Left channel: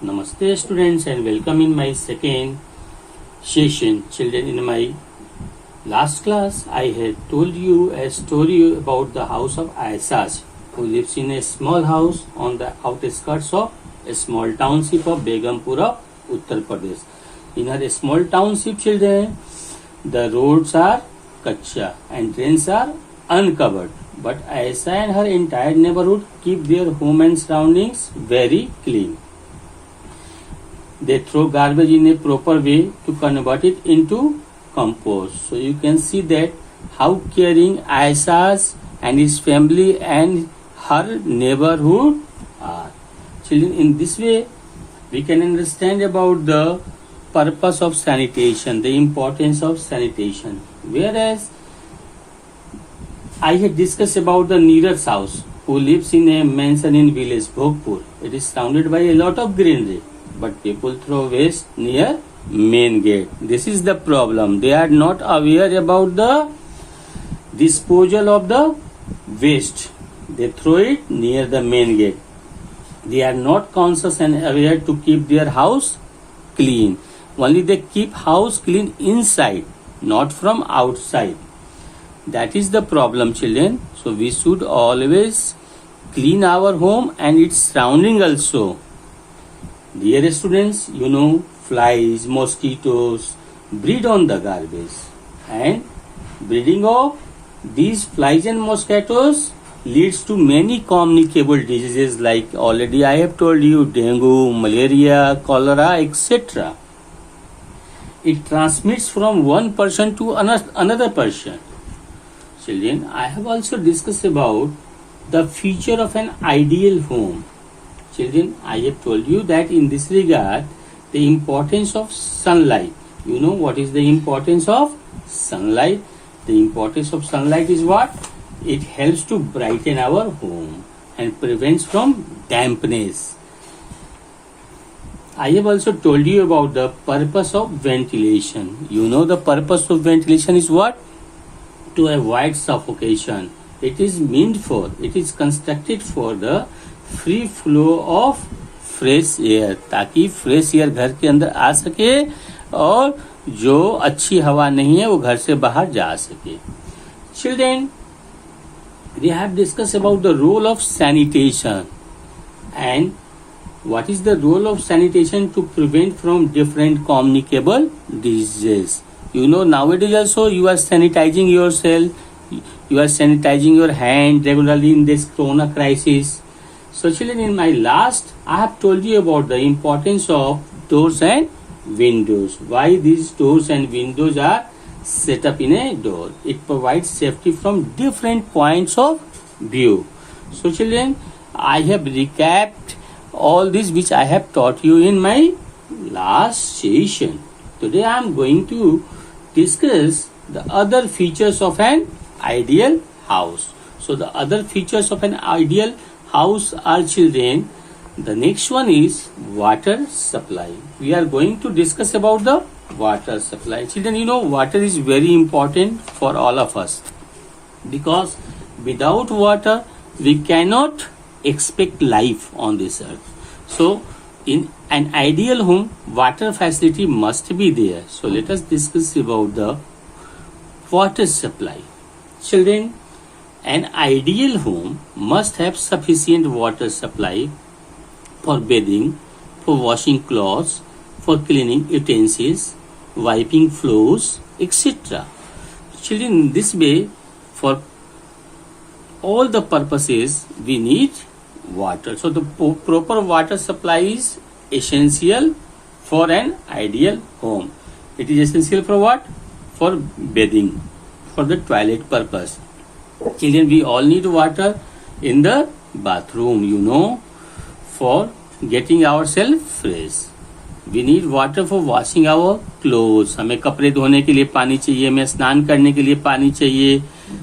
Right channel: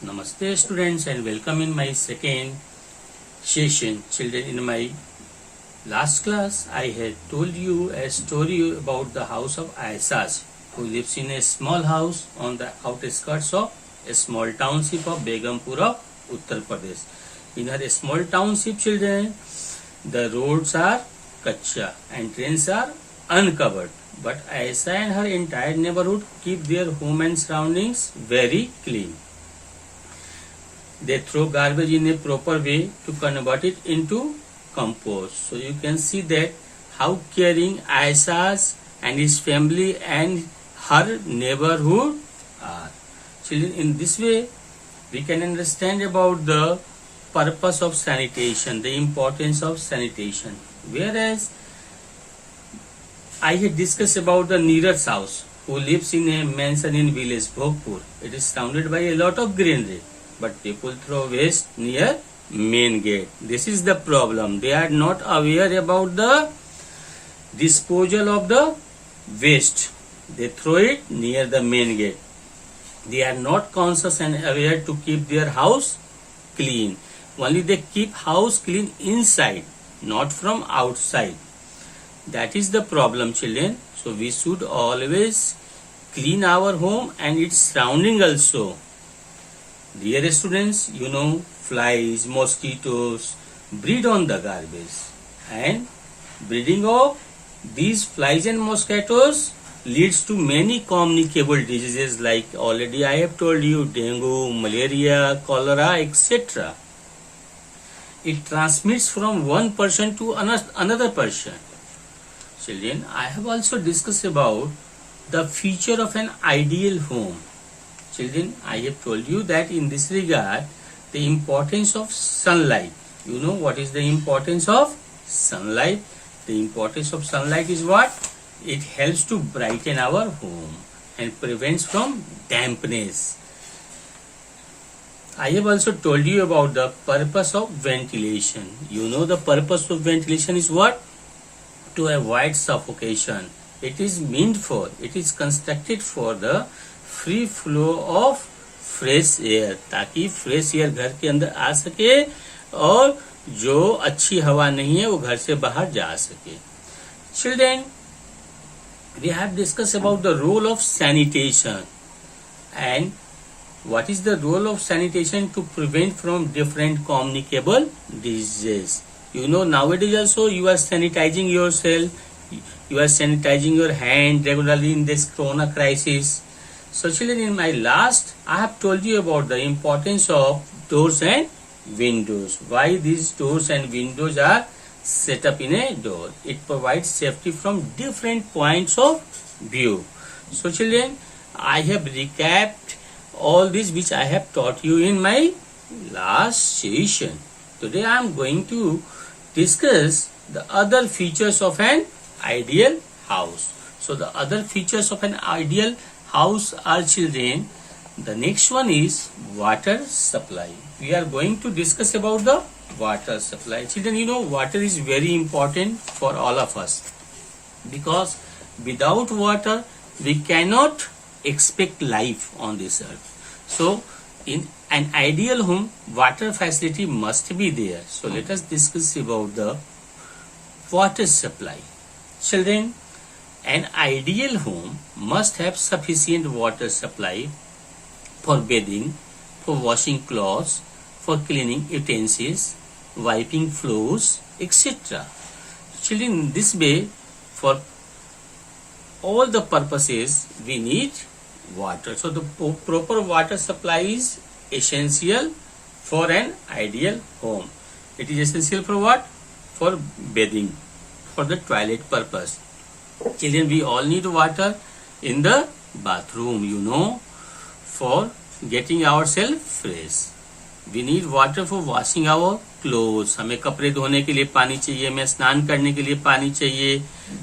Namaste students and welcome in my second session. Children, in my last class I had told you a story about the house of Aisaz, who lives in a small house on the outskirts of a small township of Begumpur of Uttar Pradesh. In her small township, children, the roads are kacha and drains are uncovered. But Aisa and her entire neighborhood keep their home and surroundings very clean. They throw garbage in a proper way to convert it into compost. So you can see that how caring Aisaz and his family and her neighborhood are. Children, in this way we can understand about the purpose of sanitation, the importance of sanitation. Whereas I had discussed about the Neeraj house, who lives in a mansion in village Bhogpur. It is surrounded by a lot of greenery, but people throw waste near main gate. This is the problem. They are not aware about the disposal of the waste. They throw it near the main gate. They are not conscious and aware to keep their house clean. Only they keep house clean inside, not from outside. That is the problem, children. So we should always clean our home and its surrounding also. Dear students, you know, flies, mosquitoes breed on the garbage, and breeding of these flies and mosquitoes leads to many communicable diseases like already I have told you, dengue, malaria, cholera, etc. It transmits from one person to another person. Children, I have also discussed about the feature of an ideal home. Children, I have told you that in this regard, the importance of sunlight. You know what is the importance of sunlight? The importance of sunlight is what? It helps to brighten our home and prevents from dampness. I have also told you about the purpose of ventilation. You know the purpose of ventilation is what? To avoid suffocation. It is constructed for the free flow of fresh air, ताकि fresh air घर के अंदर आ सके और जो अच्छी हवा नहीं है वो घर से बाहर जा सके. Children, we have discussed about the role of sanitation and what is the role of sanitation to prevent from different communicable diseases. You know, nowadays also you are sanitizing yourself, you are sanitizing your hand regularly in this corona crisis. So children, in my last, I have told you about the importance of doors and windows. Why these doors and windows are set up in a door. It provides safety from different points of view. So children, I have recapped all this which I have taught you in my last session. Today I am going to discuss the other features of an ideal house. So the other features of an ideal house are, children, the next one is water supply. We are going to discuss about the water supply. Children, you know, water is very important for all of us, because without water we cannot expect life on this earth. So in an ideal home, water facility must be there. So let us discuss about the water supply. Children, an ideal home must have sufficient water supply for bathing, for washing clothes, for cleaning utensils, wiping floors, etc. Children, in this way, for all the purposes we need water. So the proper water supply is essential for an ideal home. It is essential for what? For bathing, for the toilet purpose. Children, we all need water in the bathroom, you know, for getting ourselves fresh. We need water for washing our clothes. हमें कपड़े धोने के लिए पानी चाहिए, हमें स्नान करने के लिए पानी चाहिए.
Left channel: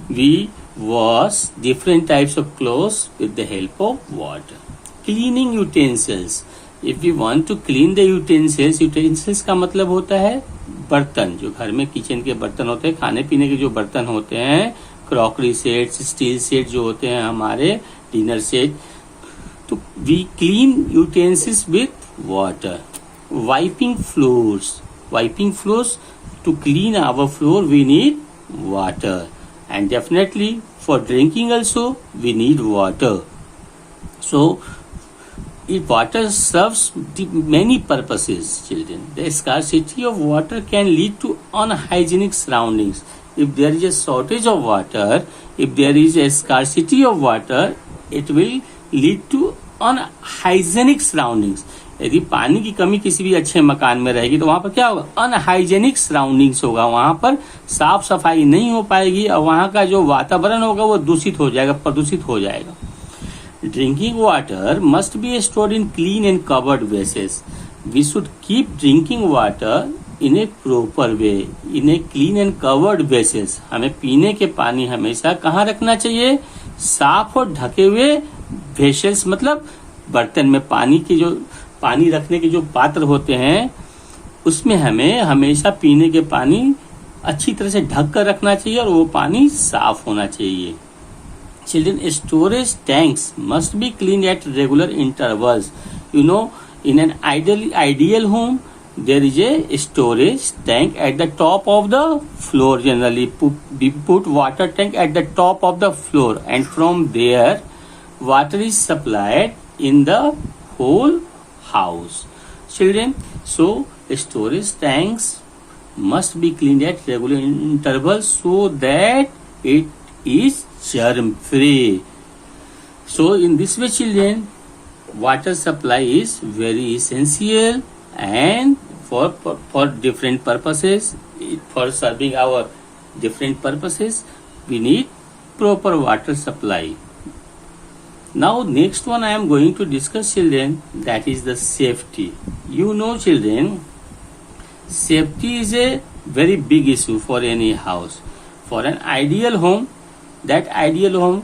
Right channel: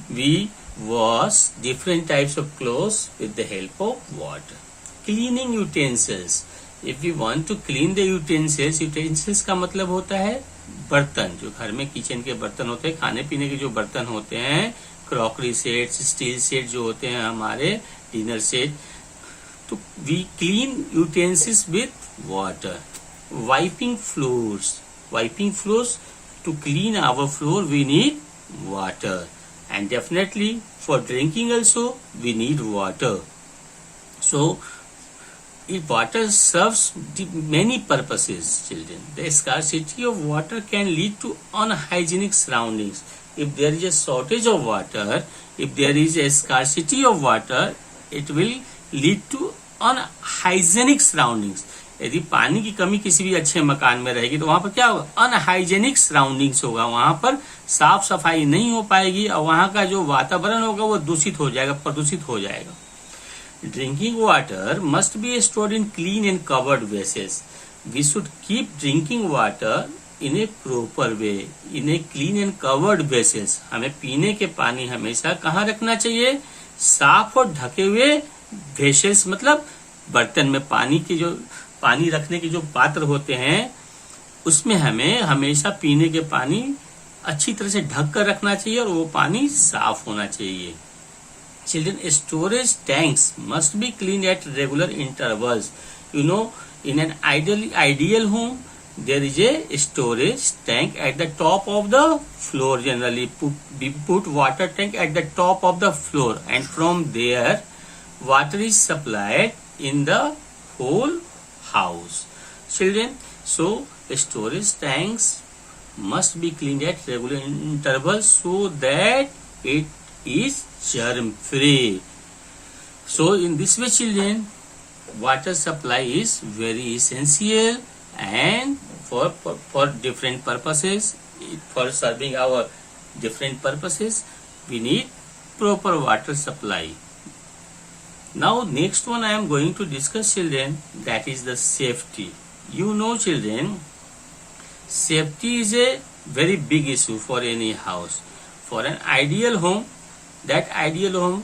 We wash different types of clothes with the help of water. Cleaning utensils. If we want to clean the utensils, utensils का मतलब होता है बर्तन, जो घर में किचन के बर्तन होते हैं, खाने पीने के जो बर्तन होते हैं, क्रॉकरी सेट्स, स्टील सेट जो होते हैं हमारे, डिनर सेट. तो we clean utensils with water. Wiping floors, to clean our floor we need water, and definitely for drinking also we need water. So if water serves many purposes, children. The scarcity of water can lead to unhygienic surroundings. If there is a shortage of water, if there is a scarcity of water, it will lead to unhygienic surroundings. यदि पानी की कमी किसी भी अच्छे मकान में रहेगी तो वहां पर क्या होगा, अनहाइजेनिक सराउंडिंग्स होगा, वहां पर साफ सफाई नहीं हो पाएगी और वहां का जो वातावरण होगा वो दूषित हो जाएगा, प्रदूषित हो जाएगा. Drinking water must be stored in clean and covered वेसेस. We should keep drinking water in A proper way, in a clean and covered वेसेस. हमें पीने के पानी हमेशा कहाँ रखना चाहिए, साफ और ढके हुए वेसेस, मतलब बर्तन में पानी रखने के जो पात्र होते हैं उसमें हमें हमेशा पीने के पानी अच्छी तरह से ढक कर रखना चाहिए और वो पानी साफ होना चाहिए. Children, storage tanks must be clean at regular intervals. You know, in an ideal home there is a storage tank at the top of the floor. Generally we put water tank at the top of the floor, and from there water is supplied in the whole house. Children, so storage tanks must be cleaned at regular intervals so that it is germ free. So in this way, children, water supply is very essential, and for different purposes, for serving our different purposes, we need proper water supply. Now next one I am going to discuss, children, that is the safety. You know, children, safety is a very big issue for any house. For an ideal home, that ideal home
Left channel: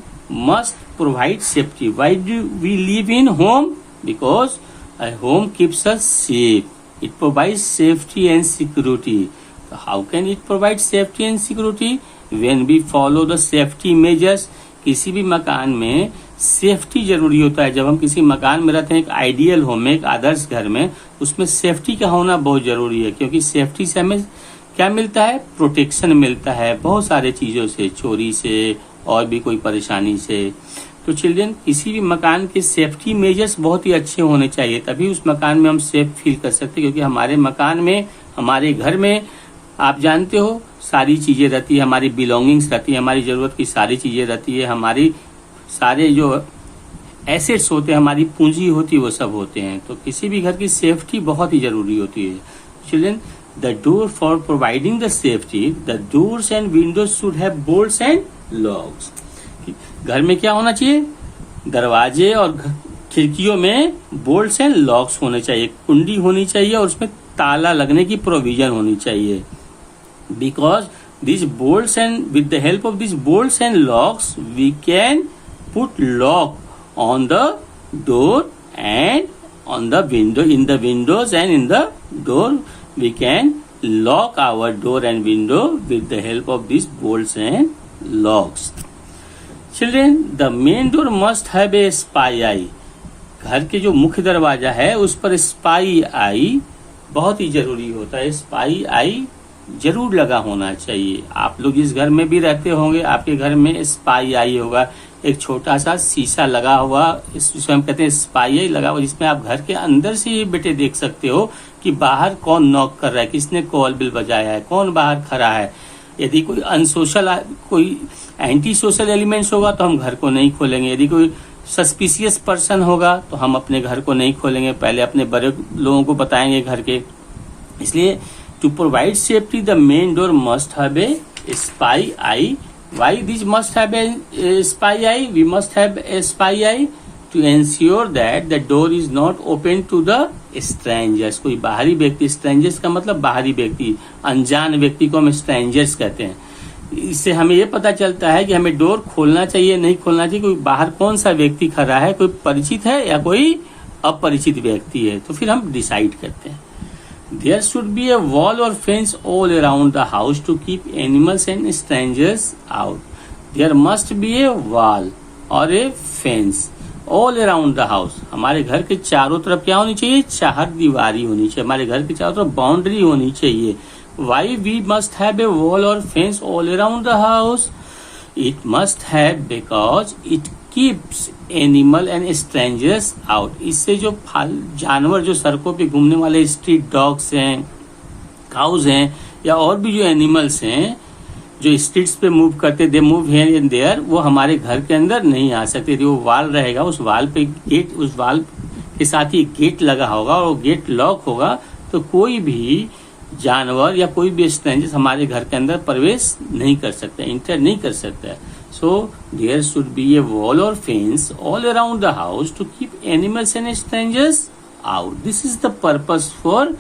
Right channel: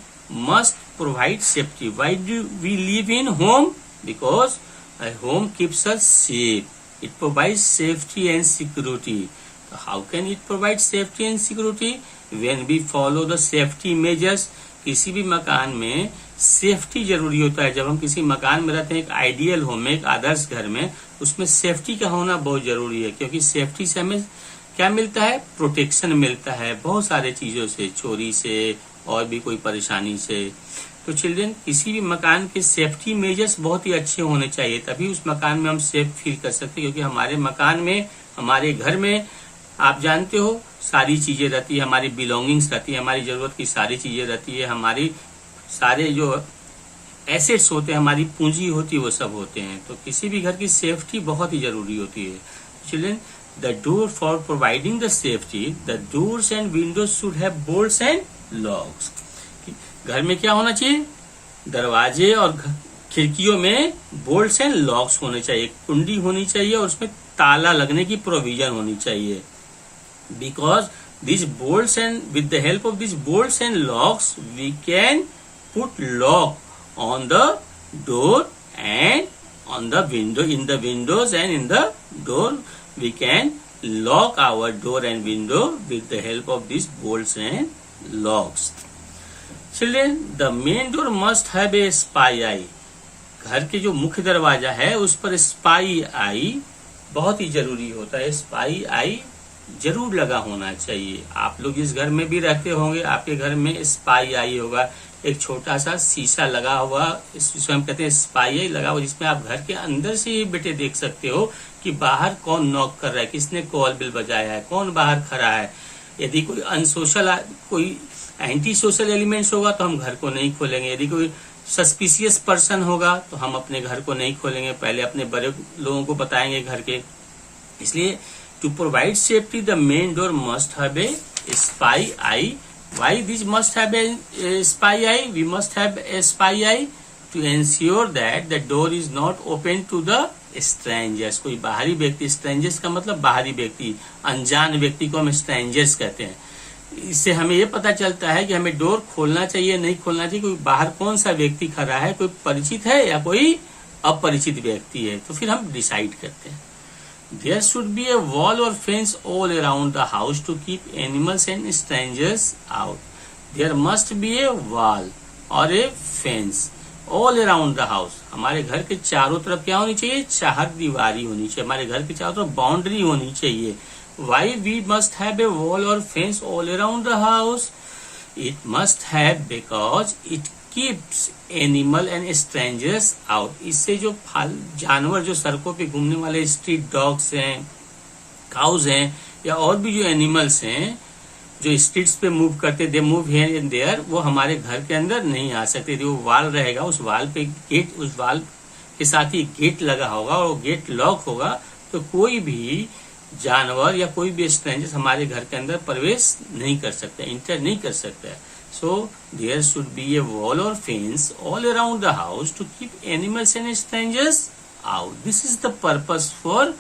must provide safety. Why do we live in home? Because a home keeps us safe. It provides safety and security. So how can it provide safety and security? When we follow the safety measures. किसी भी मकान में safety जरूरी होता है. जब हम किसी मकान में रहते हैं, एक आइडियल होम में, एक आदर्श घर में, उसमें सेफ्टी का होना बहुत जरूरी है, क्योंकि सेफ्टी से हमें क्या मिलता है, प्रोटेक्शन मिलता है बहुत सारे चीजों से, चोरी से और भी कोई परेशानी से. तो चिल्ड्रन, किसी भी मकान के सेफ्टी मेजर्स बहुत ही अच्छे होने चाहिए, तभी उस मकान में हम सेफ फील कर सकते हैं. क्योंकि हमारे मकान में, हमारे घर में, आप जानते हो, सारी चीजें रहती है, हमारी बिलोंगिंग्स रहती है, हमारी जरूरत की सारी चीजें रहती है, हमारी सारे जो एसेट्स होते हैं, हमारी पूंजी होती है, वो सब होते हैं. तो किसी भी घर की सेफ्टी बहुत ही जरूरी होती है. Children, the door for providing the safety, the doors and windows should have bolts and locks. घर में क्या होना चाहिए, दरवाजे और खिड़कियों में बोल्ट्स एंड लॉक्स होने चाहिए, कुंडी होनी चाहिए और उसमें ताला लगने की प्रोविजन होनी चाहिए. Because this bolts and with the help of this bolts and locks we can put lock on the door and on the window. In the windows and in the door we can lock our door and window with the help of this bolts and locks. Children, the main door must have a spy eye. घर के जो मुख्य दरवाजा है उस पर spy आई बहुत ही जरूरी होता है. स्पाई आई जरूर लगा होना चाहिए. आप लोग जिस घर में भी रहते होंगे, आपके घर में स्पाई आई होगा, एक छोटा सा शीशा लगा हुआ, इसमें हम कहते हैं स्पाई आई लगा हुआ, जिसमें आप घर के अंदर से ही बेटे देख सकते हो कि बाहर कौन नॉक कर रहा है, किसने कॉल बिल बजाया है, कौन बाहर खड़ा है. यदि कोई अनसोशल, कोई एंटी सोशल एलिमेंट्स होगा तो हम घर को नहीं खोलेंगे. यदि कोई सस्पिशियस पर्सन होगा तो हम अपने घर को नहीं खोलेंगे, पहले अपने बड़े लोगों को बताएंगे घर के. इसलिए to provide safety the main door must have a spy eye. Why this must have a spy eye? We must have a spy eye to ensure that the door is not open to the strangers. कोई बाहरी व्यक्ति, strangers का मतलब बाहरी व्यक्ति, अनजान व्यक्ति को हम स्ट्रेंजर्स कहते हैं. इससे हमें ये पता चलता है कि हमें डोर खोलना चाहिए, नहीं खोलना चाहिए, कोई बाहर कौन सा व्यक्ति खड़ा है, कोई परिचित है या कोई अपरिचित व्यक्ति है, तो फिर हम डिसाइड करते हैं. There should be a wall or fence all around the house to keep animals and strangers out. There must be a wall or a fence all around the house, हमारे घर के चारों तरफ क्या होनी चाहिए, चार दीवारी होनी चाहिए, हमारे घर के चारों तरफ बाउंड्री होनी चाहिए. Why we must have a wall or fence all around the house, it must have because it keeps animal and strangers out. इससे जो जानवर जो सड़कों पे घूमने वाले स्ट्रीट डॉग्स हैं, काउज हैं, या और भी जो एनिमल्स हैं जो स्ट्रीट्स पे मूव करते, they move here and there, वो हमारे घर के अंदर नहीं आ सकते. जो वाल रहेगा उस वाल पे गेट, उस वाल के साथ ही गेट लगा होगा और गेट लॉक होगा, तो कोई भी जानवर या कोई भी स्ट्रेंजर हमारे घर के अंदर प्रवेश नहीं कर सकता, इंटर नहीं कर सकता. So there should be a wall or fence all around the house to keep animals and strangers out. This is the purpose for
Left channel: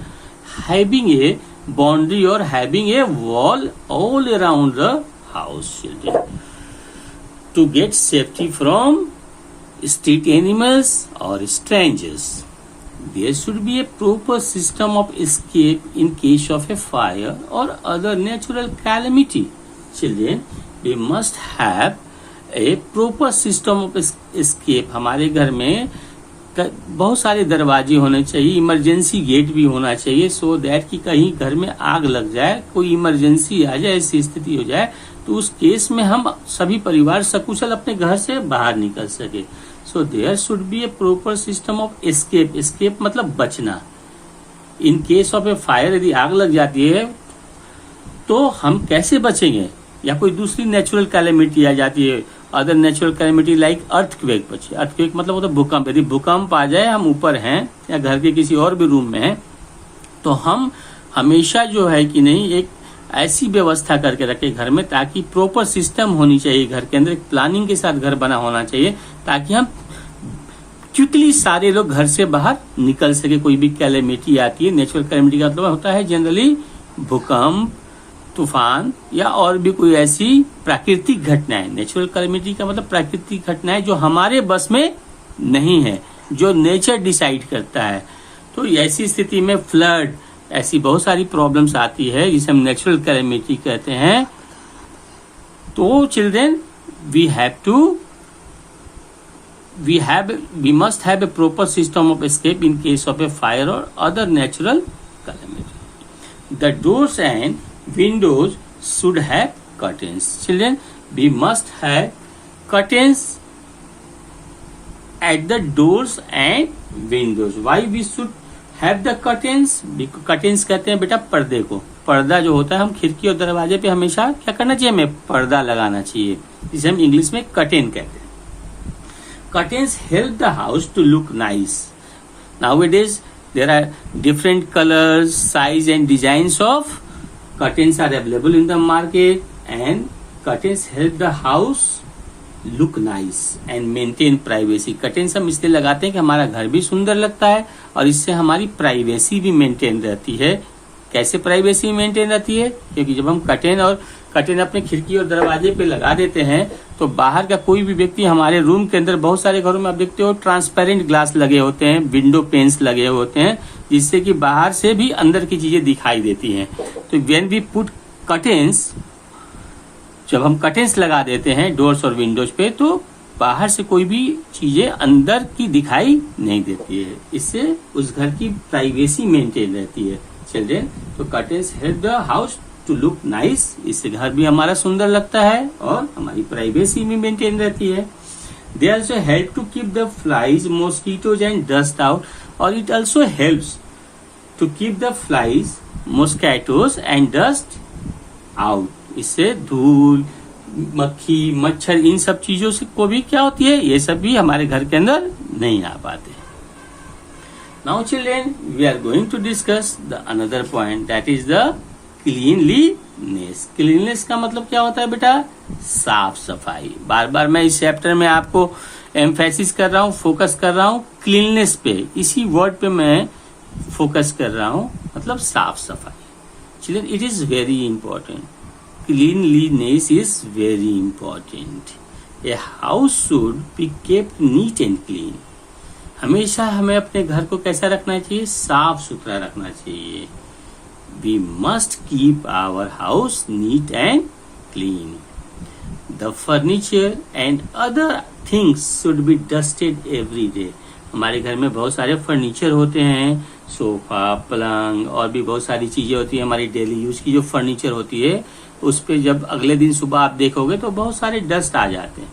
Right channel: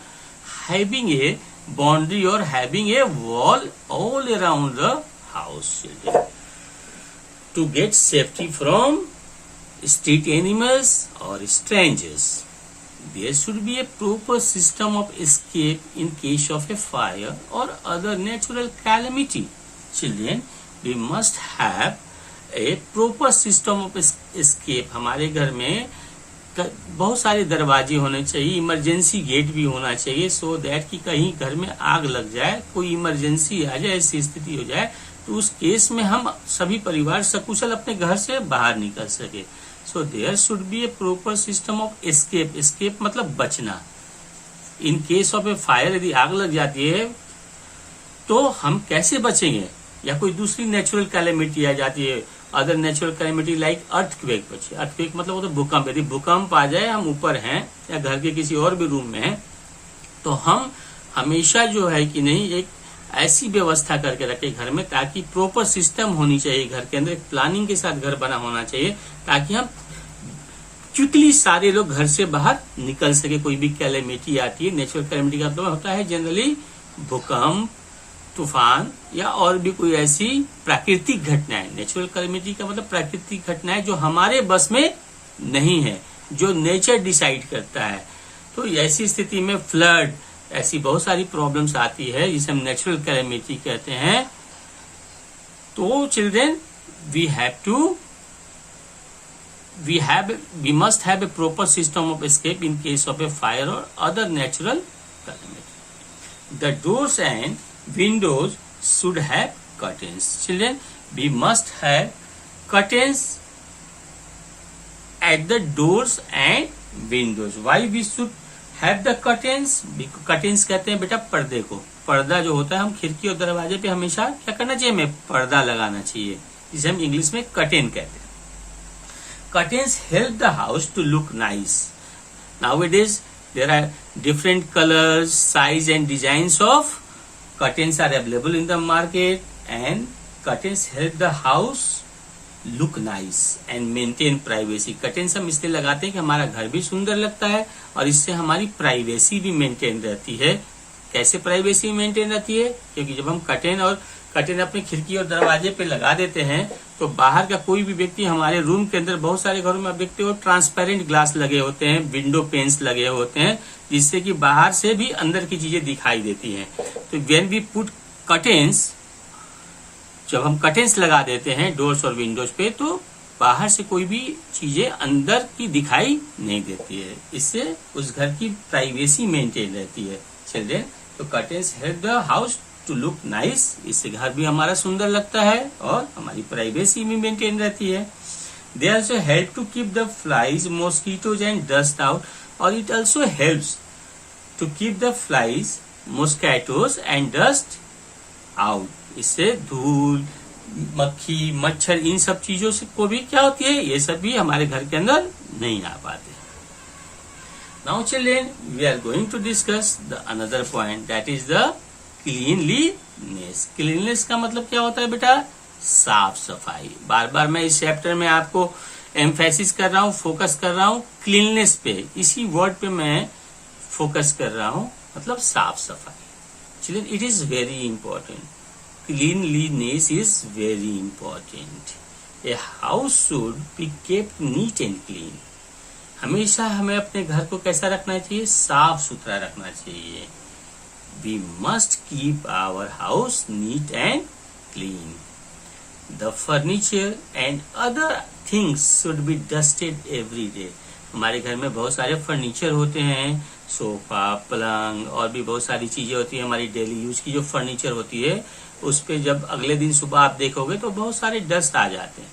having a boundary or having a wall all around the house, children, to get safety from street animals or strangers. There should be a proper system of escape in case of a fire or other natural calamity. Children, we must have a proper system of escape. हमारे घर में बहुत सारे दरवाजे होने चाहिए, emergency gate भी होना चाहिए, सो दैट कि कहीं घर में आग लग जाए, कोई इमरजेंसी आ जाए, ऐसी स्थिति हो जाए, तो उस केस में हम सभी परिवार सकुशल अपने घर से बाहर निकल सके. So there should be a proper system of escape. Escape मतलब बचना. In case of a fire, यदि आग लग जाती है तो हम कैसे बचेंगे, या कोई दूसरी नेचुरल कैलेमिटी आ जाती है, other natural calamity like earthquake. बचे अर्थक्वेक मतलब वो तो भूकंप. यदि भूकंप आ जाए, हम ऊपर हैं या घर के किसी और भी रूम में हैं, तो हम हमेशा जो है कि नहीं एक ऐसी व्यवस्था करके रखे घर में, ताकि प्रॉपर सिस्टम होनी चाहिए घर के अंदर, प्लानिंग के साथ घर बना होना चाहिए, ताकि हम क्विकली सारे लोग घर से बाहर निकल सके. कोई भी कैलेमिटी आती है, नेचुरल कैलेमिटी का मतलब होता है जनरली भूकंप, तूफान या और भी कोई ऐसी प्राकृतिक घटनाएं. नेचुरल कैलेमिटी का मतलब प्राकृतिक घटनाएं जो हमारे बस में नहीं है, जो नेचर डिसाइड करता है. तो ऐसी स्थिति में फ्लड, ऐसी बहुत सारी प्रॉब्लम्स आती है जिसे हम नेचुरल कैलेमिटी कहते हैं. तो children, we must have a proper system of escape in case of a fire or other natural calamity. The doors and windows should have curtains. Children, we must have curtains at the doors and windows. Why we should have the curtains? Curtains कहते हैं बेटा पर्दे को. पर्दा जो होता है, हम खिड़की और दरवाजे पे हमेशा क्या करना चाहिए, हमें पर्दा लगाना चाहिए, जिसे हम इंग्लिश में कर्टेन कहते हैं. Curtains help the house to look nice. Nowadays there are different colors, size and designs of curtains are available in the market, and curtains help the house look nice and maintain privacy. curtains हम इसलिए लगाते हैं कि हमारा घर भी सुंदर लगता है और इससे हमारी प्राइवेसी भी मेंटेन रहती है. कैसे प्राइवेसी मेंटेन रहती है, क्योंकि जब हम कर्टेन अपने खिड़की और दरवाजे पे लगा देते हैं, तो बाहर का कोई भी व्यक्ति, हमारे रूम के अंदर बहुत सारे घरों में आप देखते हो ट्रांसपेरेंट ग्लास लगे होते हैं, विंडो पेन्स लगे होते हैं, जिससे कि बाहर से भी अंदर की चीजें दिखाई देती हैं. तो व्हेन वी पुट कर्टेन्स, जब हम कर्टेन्स लगा देते हैं डोर्स और विंडोज पे, तो बाहर से कोई भी चीजें अंदर की दिखाई नहीं देती है. इससे उस घर की प्राइवेसी मेंटेन रहती है. चिल्ड्रेन, तो curtains help the house to look nice. इससे घर भी हमारा सुंदर लगता है और हमारी प्राइवेसी भी मेंटेन रहती है. They also help to keep the flies, mosquitoes and dust out, और it also helps to keep the flies, mosquitoes and dust out. इससे धूल, मक्खी, मच्छर, इन सब चीजों से को भी क्या होती है, ये सब भी हमारे घर के अंदर नहीं आ पाते. Now children, we are going to discuss the another point, that is the cleanliness. Cleanliness का मतलब क्या होता है बेटा, साफ सफाई. बार बार मैं इस चैप्टर में आपको एम्फेसिस कर रहा हूँ, फोकस कर रहा हूँ क्लीननेस पे. इसी वर्ड पे मैं फोकस कर रहा हूँ, मतलब साफ सफाई. Children, it is very important. Cleanliness is very important. A house should be kept neat and clean. हमेशा हमें अपने घर को कैसा रखना चाहिए, साफ सुथरा रखना चाहिए. We must keep our house neat and clean. The furniture and other things should be dusted every day. हमारे घर में बहुत सारे फर्नीचर होते हैं, सोफा, पलंग और भी बहुत सारी चीजें होती है। हमारी डेली यूज की जो फर्नीचर होती है उस पे जब अगले दिन सुबह आप देखोगे तो बहुत सारे डस्ट आ जाते हैं।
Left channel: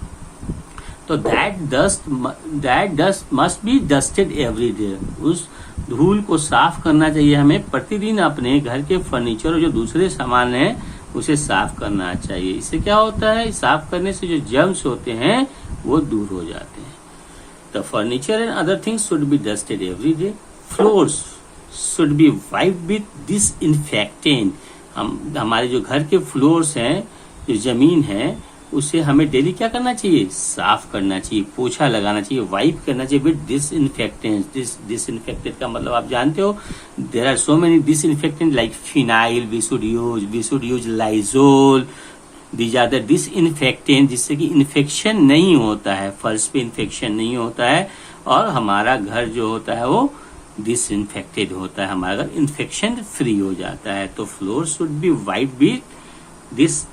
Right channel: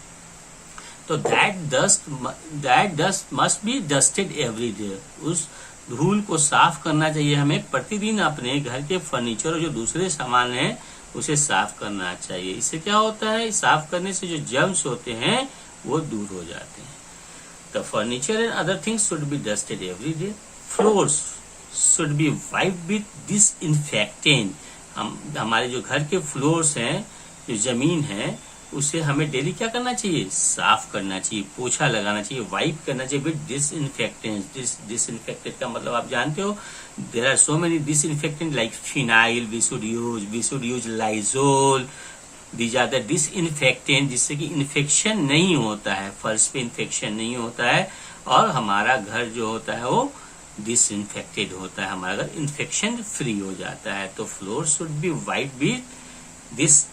तो that dust must be dusted every day. उस धूल को साफ करना चाहिए हमें प्रतिदिन। अपने घर के फर्नीचर और जो दूसरे सामान है उसे साफ करना चाहिए। इससे क्या होता है, साफ करने से जो जर्म्स होते हैं वो दूर हो जाते हैं। The furniture and other things should be dusted every day. Floors should be wiped with disinfectant. हमारे जो घर के फ्लोर्स हैं, जो जमीन है, उसे हमें डेली क्या करना चाहिए, साफ करना चाहिए, पोछा लगाना चाहिए, वाइप करना चाहिए विद डिसइंफेक्टेंट। डिसइंफेक्टेंट का मतलब आप जानते हो, there are so many disinfectant like phenyl we should use Lysol. These are the disinfectant, जिससे कि इन्फेक्शन नहीं होता है, फर्श पे इन्फेक्शन नहीं होता है और हमारा घर जो होता है वो डिसइंफेक्टेड होता है, हमारा घर इन्फेक्शन फ्री हो जाता है। तो floor should be wiped with this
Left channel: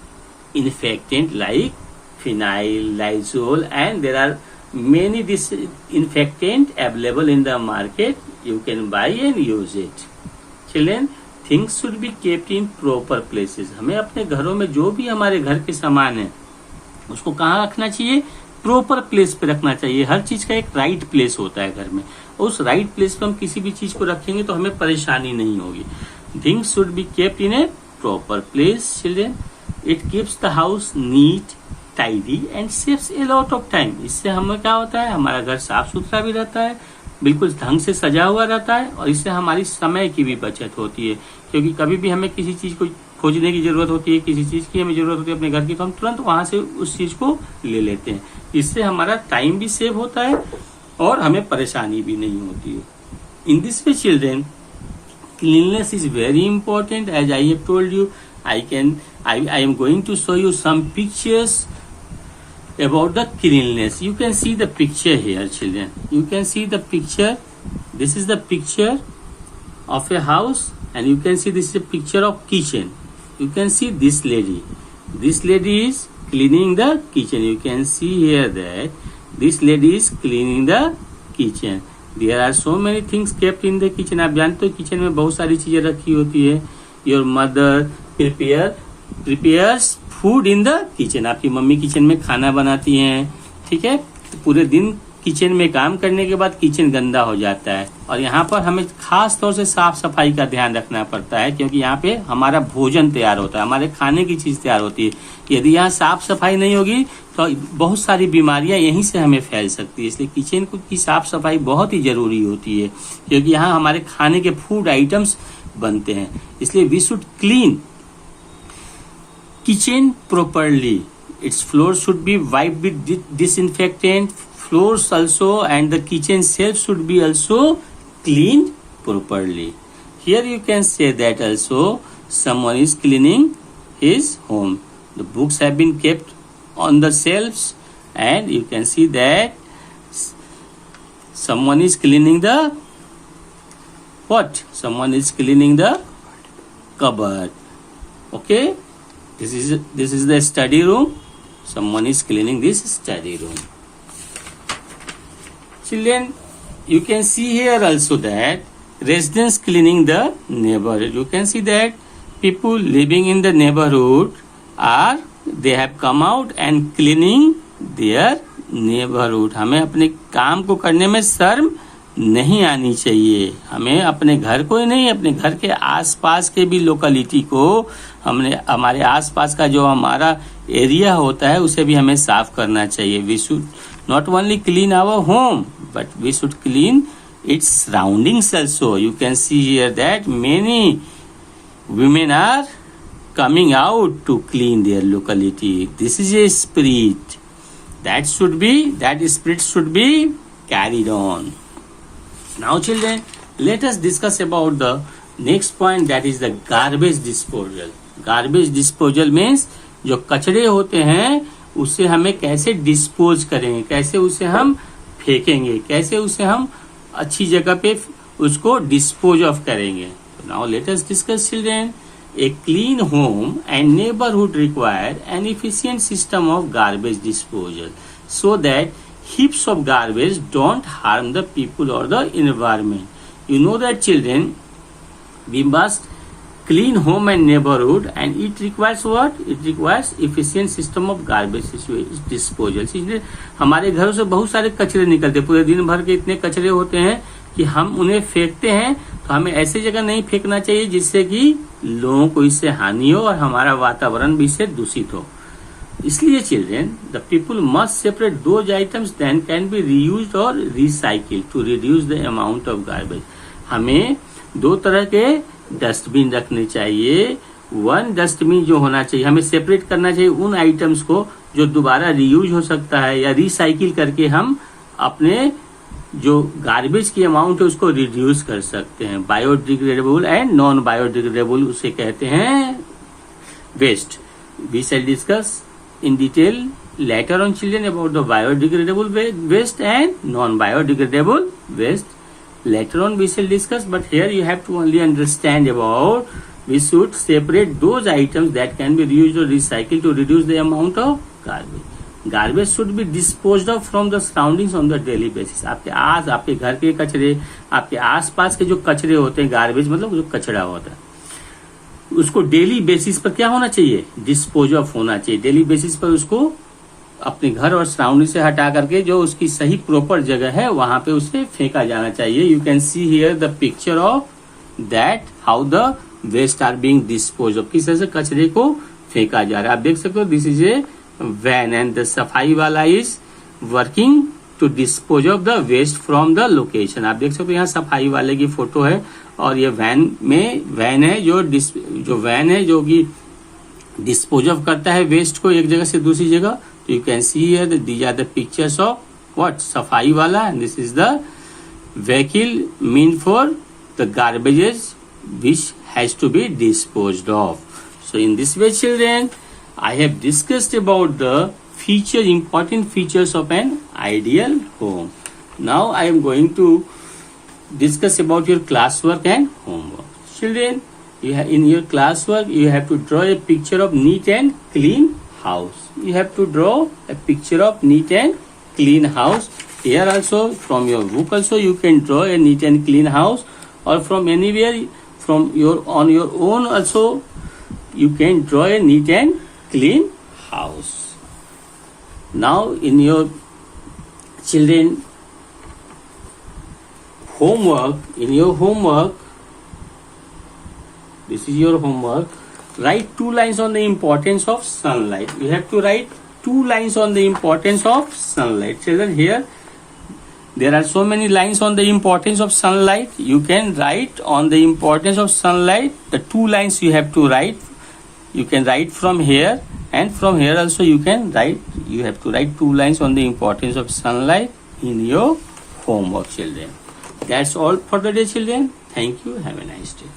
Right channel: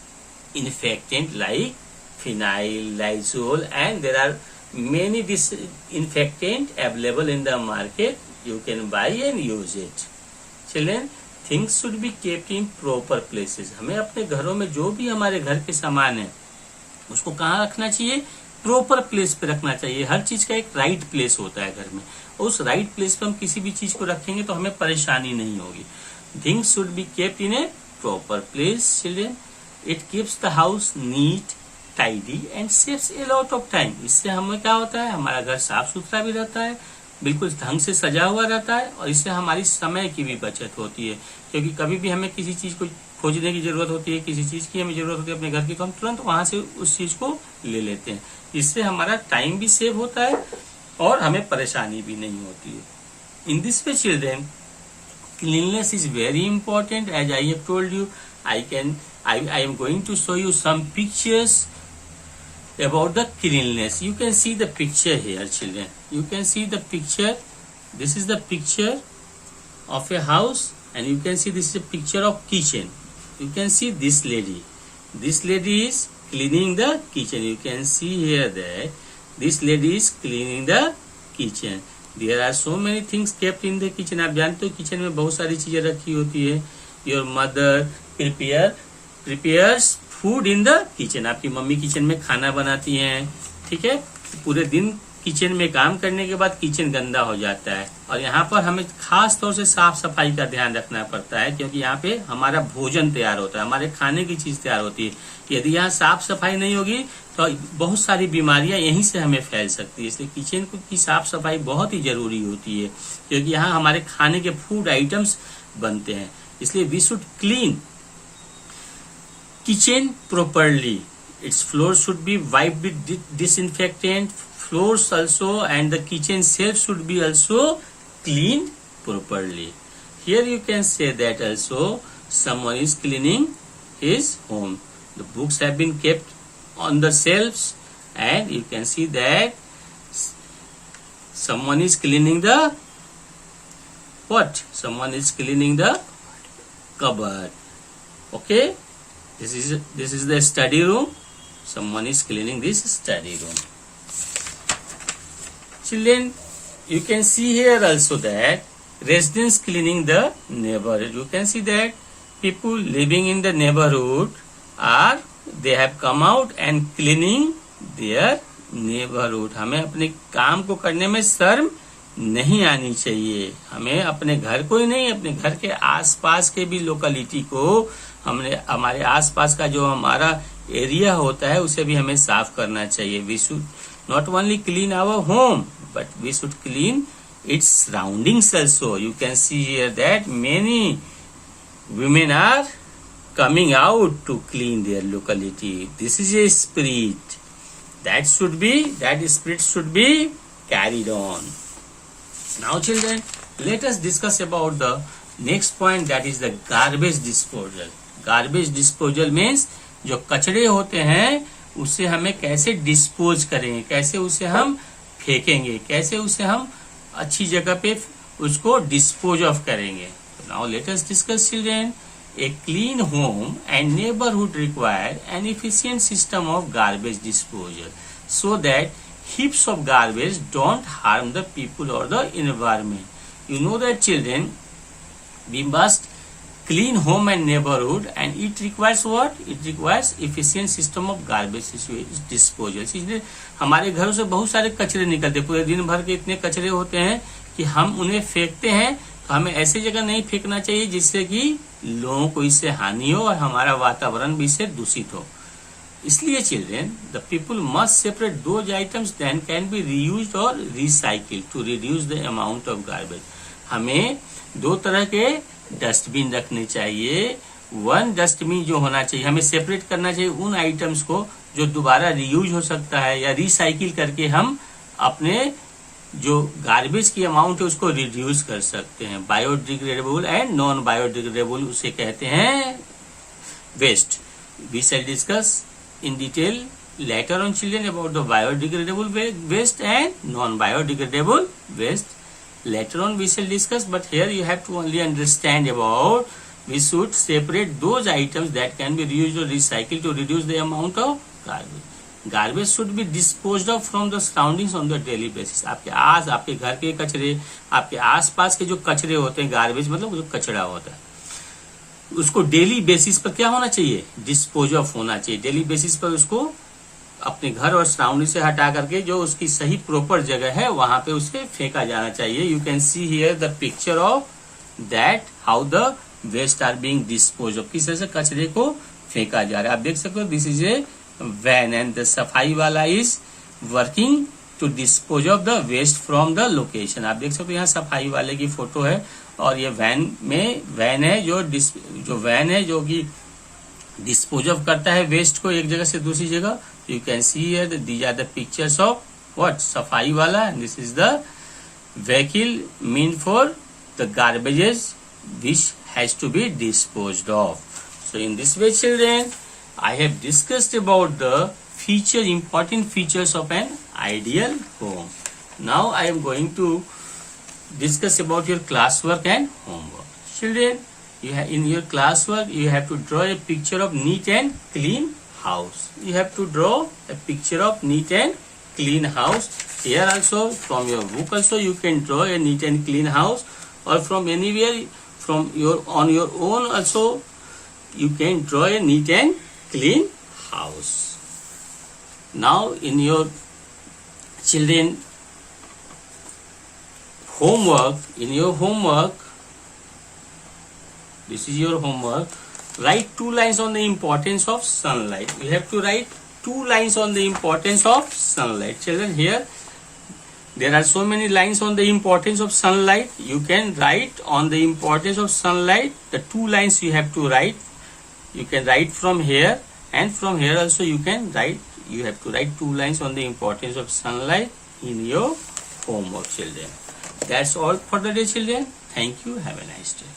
infectant like phenyl, Lysol, and there are many disinfectant available in the market. You can buy and use it. Children, things should be kept in proper places. हमें अपने घरों में जो भी हमारे घर के सामान है उसको कहाँ रखना चाहिए, प्रॉपर प्लेस पे रखना चाहिए। हर चीज का एक राइट प्लेस होता है घर में, उस राइट प्लेस पे हम किसी भी चीज को रखेंगे तो हमें परेशानी नहीं होगी। Things should be kept in a proper place, children. It keeps the house neat, tidy and saves a lot of time. इससे हमें क्या होता है, हमारा घर साफ सुथरा भी रहता है, बिल्कुल ढंग से सजा हुआ रहता है और इससे हमारी समय की भी बचत होती है। क्योंकि कभी भी हमें किसी चीज को खोजने की जरूरत होती है, किसी चीज की हमें जरूरत होती है अपने घर की, तो हम तुरंत वहां से उस चीज को ले लेते हैं। इससे हमारा टाइम भी सेव होता है और हमें परेशानी भी नहीं होती है। In this way children, cleanliness is very important. As I have told you, I am going to show you some pictures about the cleanliness. You can see the picture here, children. You can see the picture. This is the picture of a house, and you can see this is a picture of kitchen. You can see this lady. This lady is cleaning the kitchen. You can see here that this lady is cleaning the kitchen. There are so many things kept in the kitchen. आप जानते हो kitchen में बहुत सारी चीजें रखी होती है। Your mother prepares food in the kitchen. आपकी मम्मी किचन में खाना बनाती हैं, ठीक है। पूरे दिन किचन में काम करने के बाद किचन गंदा हो जाता है और यहाँ पर हमें खास तौर से साफ सफाई का ध्यान रखना पड़ता है, क्योंकि यहाँ पे हमारा भोजन तैयार होता है, हमारे खाने की चीज तैयार होती है। यदि यहाँ साफ सफाई नहीं होगी तो बहुत सारी बीमारियां यहीं से हमें फैल सकती है। इसलिए किचन की साफ सफाई बहुत ही जरूरी होती है, क्योंकि यहाँ हमारे खाने के फूड आइटम्स बनते हैं। इसलिए we should clean kitchen properly. Its floor should be wiped with disinfectant. Floors also and the kitchen shelf should be also cleaned properly. Here you can say that also someone is cleaning his home. The books have been kept on the shelves and you can see that someone is cleaning the what? Someone is cleaning the cupboard. Okay? This is the study room. Someone is cleaning this study room. Children, you can see here also that residents cleaning the neighborhood. You can see that people living in the neighborhood they have come out and cleaning their neighborhood. हमें अपने काम को करने में शर्म नहीं आनी चाहिए। हमें अपने घर को ही नहीं, अपने घर के आसपास के भी लोकेलिटी को, हमारे आसपास का जो हमारा एरिया होता है उसे भी हमें साफ करना चाहिए। We should not only clean our home but we should clean its surroundings also. You can see here that many women are coming out to clean their locality. This is a spirit that spirit should be carried on. Now children, let us discuss about the next point, that is the garbage disposal. Garbage disposal means जो कचरे होते हैं उससे हमें कैसे dispose करेंगे, कैसे उसे हम फेंकेंगे, कैसे उसे हम अच्छी जगह पे उसको डिस्पोज ऑफ करेंगे। Now let us discuss children. A clean home and neighborhood require an efficient system of garbage disposal so that heaps of garbage don't harm the people or the environment. You know that children, we must clean home and neighborhood, and it requires what? It requires efficient system of garbage disposal. इसलिए हमारे घरों से बहुत सारे कचरे निकलते, पूरे दिन भर के इतने कचरे होते हैं कि हम उन्हें फेंकते हैं। तो हमें ऐसी जगह नहीं फेंकना चाहिए जिससे कि लोगों को इससे हानि हो और हमारा वातावरण भी इससे दूषित हो। इसलिए children, the people must separate those items that can be reused or recycled to reduce the amount of garbage. हमें दो तरह के डस्टबिन रखने चाहिए। वन डस्टबिन जो होना चाहिए, हमें सेपरेट करना चाहिए उन आइटम्स को जो दोबारा रीयूज हो सकता है या रिसाइकिल करके हम अपने जो गार्बेज की अमाउंट है उसको रिड्यूस कर सकते हैं। बायोडिग्रेडेबल एंड नॉन बायोडिग्रेडेबल उसे कहते हैं waste. We shall discuss in detail later on children about the biodegradable waste and non-biodegradable waste. Later on we shall discuss, but here you have to only understand about we should separate those items that can be reused or recycled to reduce the amount of garbage. Garbage should be disposed of from the surroundings on the daily basis. आपके घर के कचरे, आपके आसपास के जो कचरे होते हैं, गार्बेज मतलब जो कचरा होता है, उसको डेली बेसिस पर क्या होना चाहिए? डिस्पोज ऑफ होना चाहिए। डेली बेसिस पर उसको अपने घर और सराउंडिंग से हटा करके जो उसकी सही प्रॉपर जगह है वहां पे उसे फेंका जाना चाहिए। You can see here the picture of that how the waste are being dispose of, किस तरह से कचरे को फेंका जा रहा है। आप देख सकते हो this is a van and the सफाई वाला is working to dispose of the waste from the location. आप देख सकते हो यहाँ सफाई वाले की फोटो है और ये वैन है जो वैन है जो कि डिस्पोज ऑफ करता है वेस्ट को एक जगह से दूसरी जगह। You can see here these are the pictures of what? सफाई वाला, and this is the vehicle mean for the garbages which has to be disposed of. So in this way children, I have discussed about the important features of an ideal home. Now I am going to discuss about your classwork and homework. Children, in your classwork you have to draw a picture of neat and clean house. You have to draw a picture of neat and clean house. Here also from your book also you can draw a neat and clean house, or from anywhere on your own also you can draw a neat and clean house. Now in your children homework, this is your homework. Write 2 lines on the importance of sunlight. You have to write 2 lines on the importance of sunlight. Children, here there are so many lines on the importance of sunlight. You can write on the importance of sunlight. The 2 lines you have to write. You can write from here, and from here also you can write. You have to write 2 lines on the importance of sunlight in your homework, children. That's all for the day, children. Thank you. Have a nice day.